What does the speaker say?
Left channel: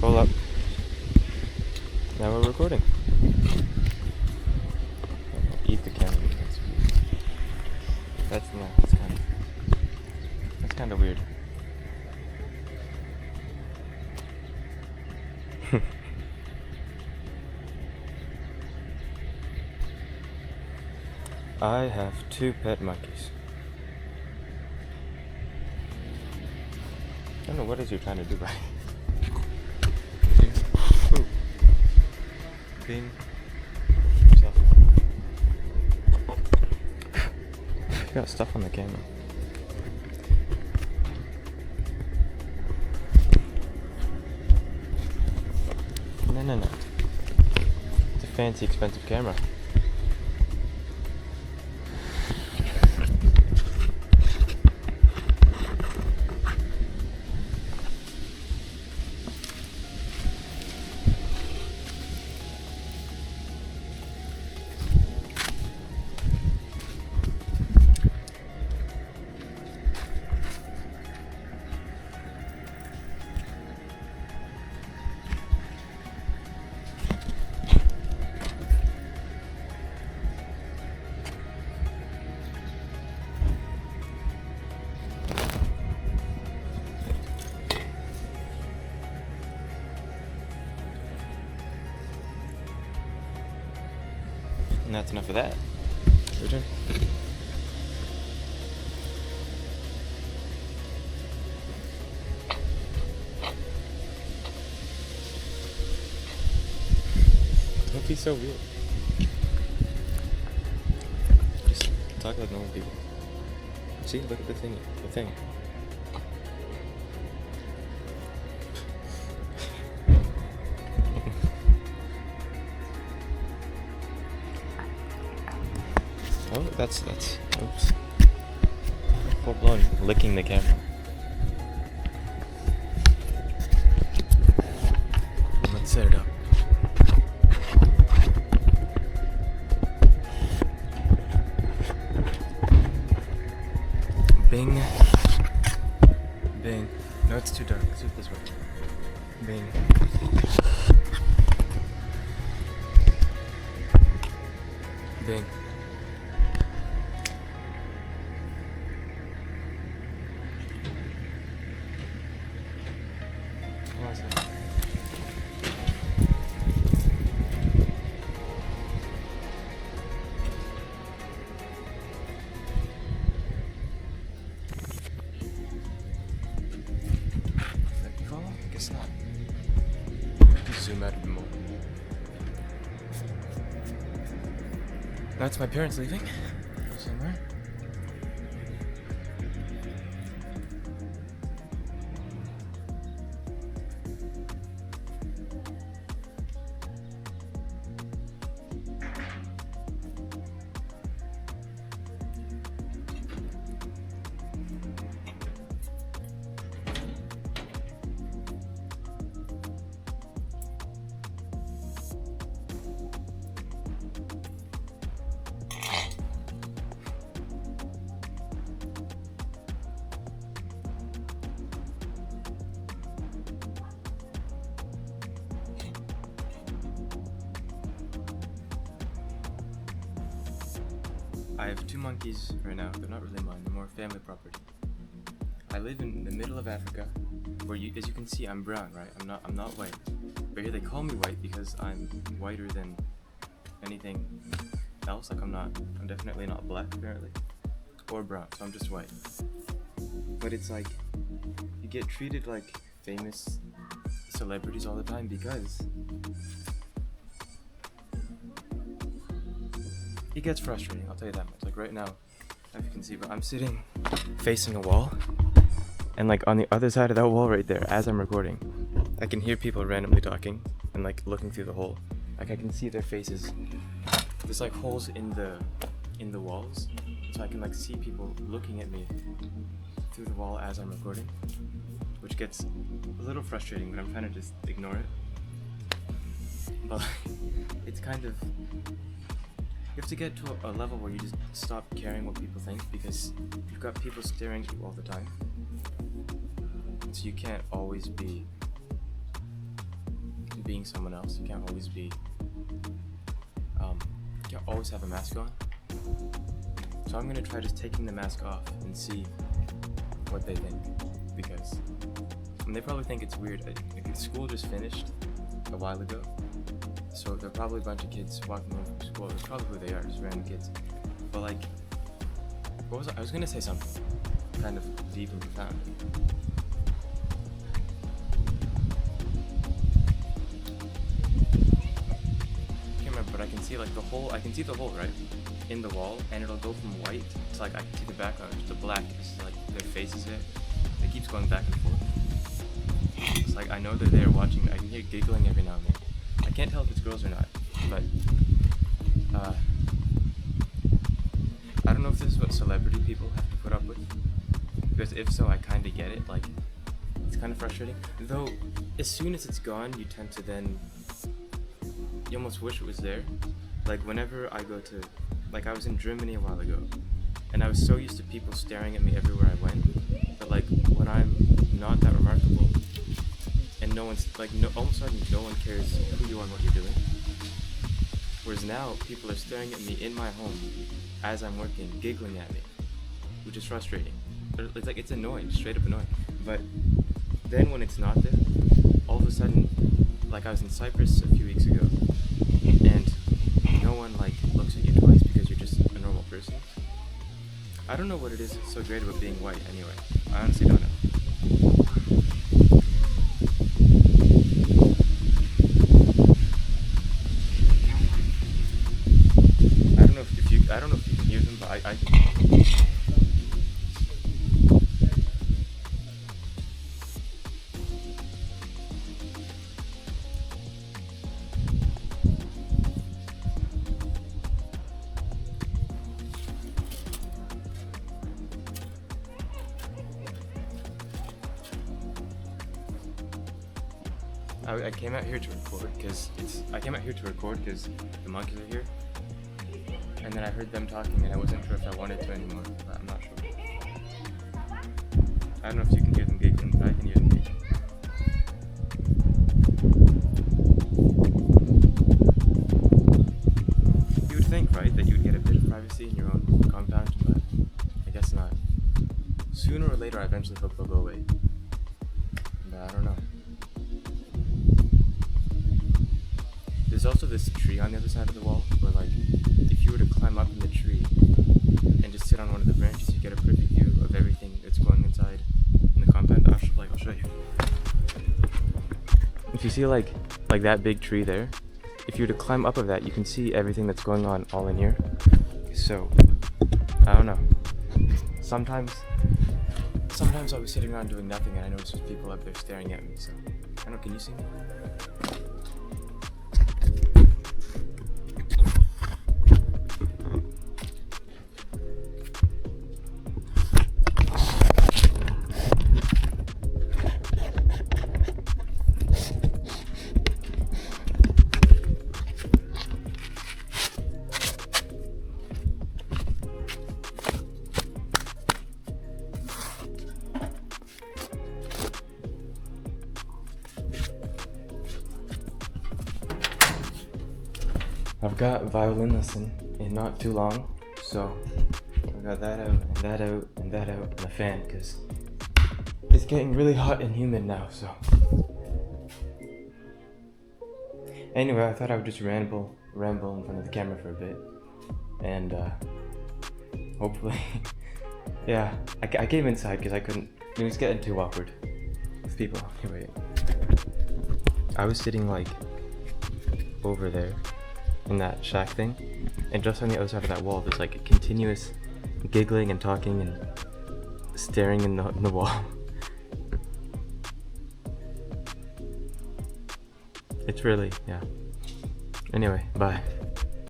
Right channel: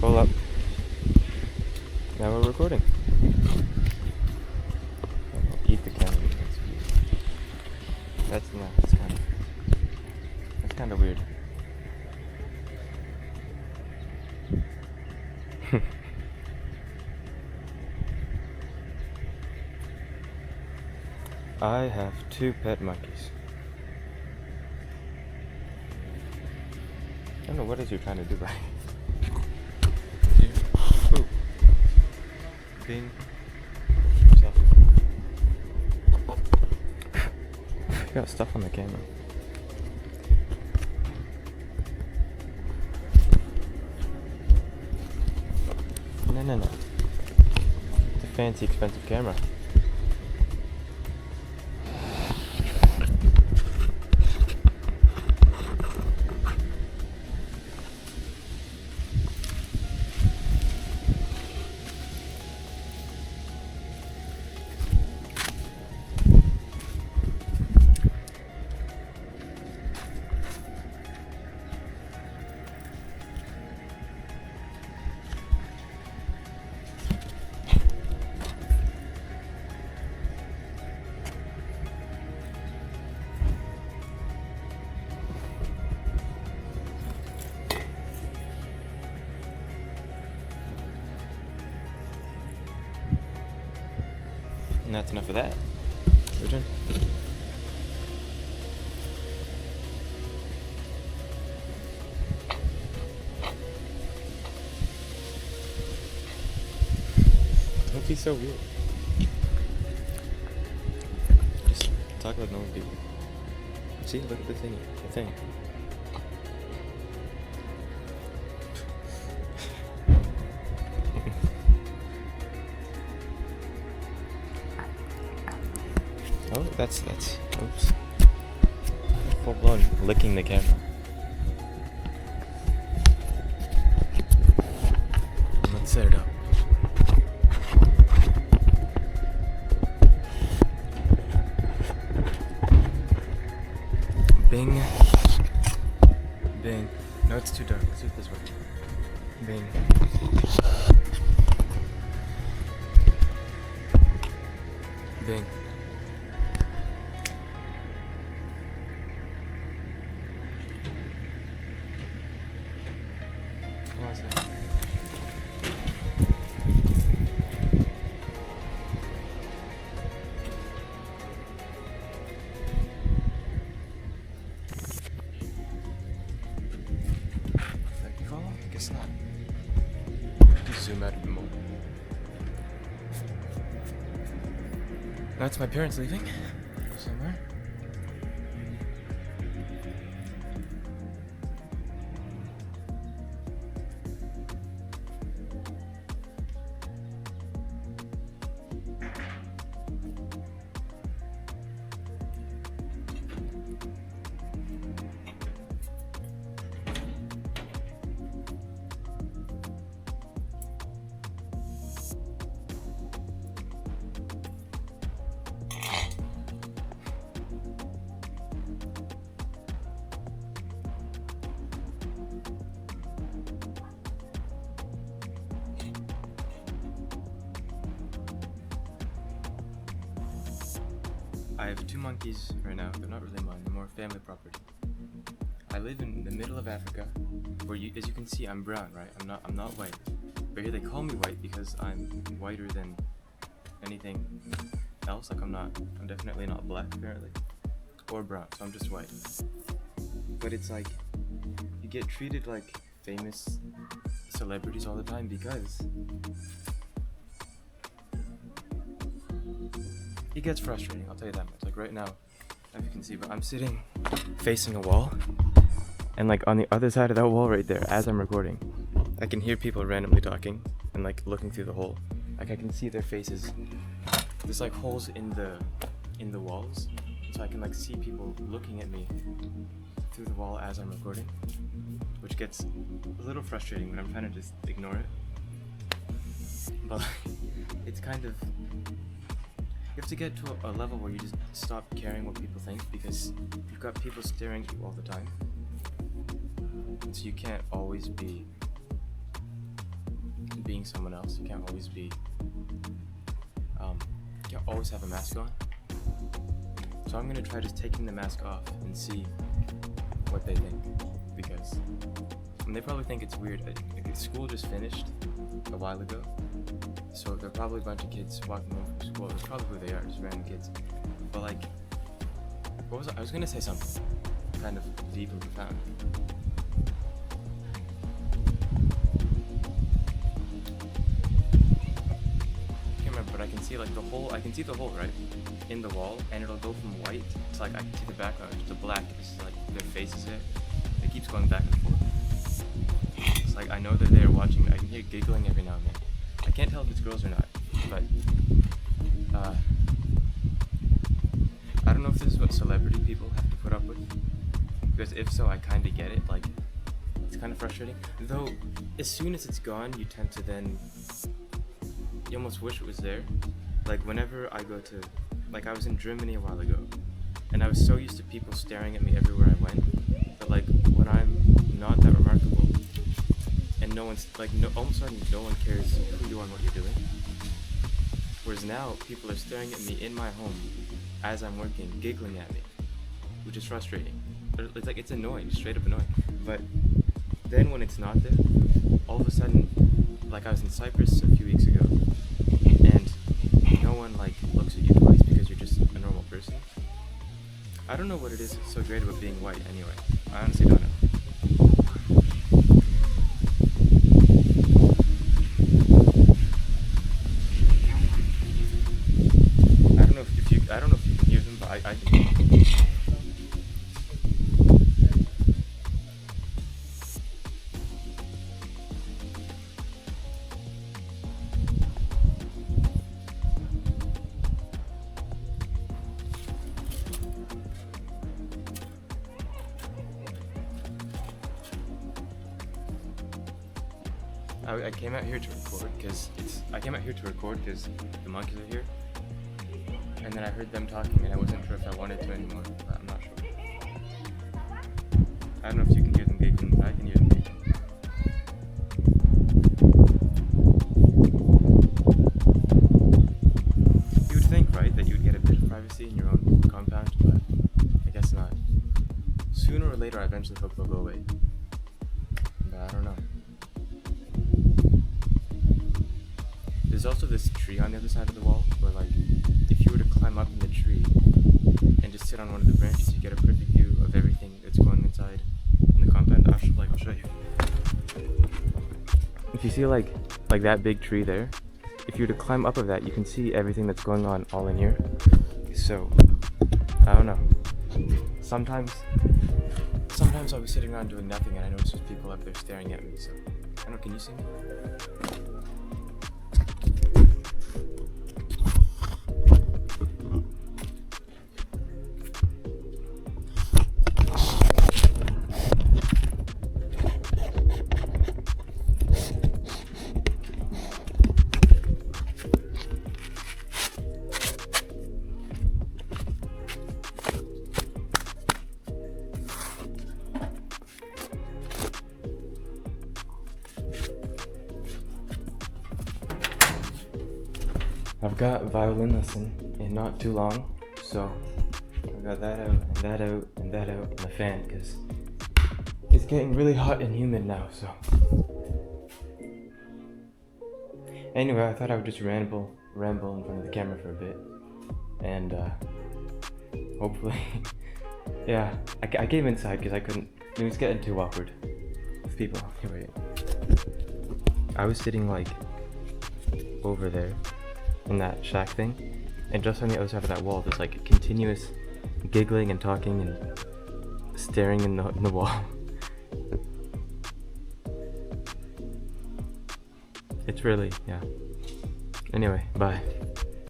Hold up. Now we're recording. I'll eat the camera. That's kind of weird. I have 2 pet monkeys. I don't know what is you're trying to do, right? Ooh. Bing. You got stuff on the camera. No. It's a fancy, expensive camera. And that's enough of that. Your turn. Don't be so weird. Just talk like normal people. See, look at the thing. Oh, that's oops. Full blown licking the camera. Let's set it up. Bing. Bing. No, it's too dark. Let's do it this way. Bing. Bing. I guess not. Zoom out a bit more. That's my parents leaving. Go somewhere. I have 2 monkeys right now. They're not really mine. They're more family property. I live in the middle of Africa, where as you can see, I'm brown, right? I'm not white. But here they call me white because I'm whiter than anything else. Like I'm definitely not black apparently, or brown. So I'm just white. But it's like you get treated like famous celebrities all the time because it gets frustrating, I'll tell you that much. Like right now, if you can see, but I'm sitting facing a wall, and like on the other side of that wall right there, as I'm recording, I can hear people randomly talking and like looking through the hole. Like I can see their faces. There's like holes in the walls, so I can like see people looking at me through the wall as I'm recording, which gets a little frustrating, but I'm trying to just ignore it. But it's kind of, you have to get to a level where you just stop caring what people think, because you've got people staring at you all the time. And so you can't always be being someone else. You can't always be, you can't always have a mask on. So I'm gonna try just taking the mask off and see what they think, because they probably think it's weird. School just finished a while ago, so there are probably a bunch of kids walking home from school. That's probably who they are, just random kids. But like, what was I was gonna say something kind of deep and profound. Can't remember, but I can see like the hole. I can see the hole right in the wall, and it'll go from white to like I can see the background to black. It's like their faces there. It keeps going back and forth. It's like I know they're there watching. I can hear giggling every now and then. I can't tell if it's girls or not, but I don't know if this is what celebrity people have to put up with, because if so, I kind of get it. Like, it's kind of frustrating. Though, as soon as it's gone, you tend to then, you almost wish it was there. Like, whenever I go to, like, I was in Germany a while ago, and I was so used to people staring at me everywhere I went, that like, when I'm not that remarkable, and no one's, like, all of a sudden, no one cares who you are and what you're doing. Whereas now, people are staring at me in my home, as I'm working, giggling at me, which is frustrating. It's like, it's annoying, straight up annoying. But then when it's not there, all of a sudden, like I was in Cyprus a few weeks ago, and no one like looks at you twice because you're just a normal person. I don't know what it is so great about being white anyway. I honestly don't know. I don't know if you can hear them, but I can hear them. I came out here to record because the monkeys are here. And then I heard them talking and I wasn't sure if I wanted to anymore, but I'm not sure. I don't know if you can hear them giggling, but I can hear them giggling. You would think, right, that you would get a bit of privacy in your own compound, but I guess not. Sooner or later I eventually hope they'll go away. But I don't know. There's also this tree on the other side of the wall where, like, if you were to climb up in the tree and just sit on one of the branches, you get a perfect view of everything that's going inside in the compound. I'll show you. If you see like that big tree there, if you were to climb up of that, you can see everything that's going on all in here. So, I don't know. Sometimes I'll be sitting around doing nothing and I notice there's people up there staring at me, so I don't know, can you see me? I've got violin lesson in not too long, so I've got that out, and that out, and that out, and the fan, because it's getting really hot and humid now, so. Anyway, I thought I would just ramble in front of the camera for a bit, and hopefully, yeah, I came inside because I couldn't, it was getting too awkward with people. Anyway, I was sitting like over there in that shack thing, and just on the other side of that wall there's like a continuous giggling and talking and staring in the wall. It's really, yeah. Anyway, bye.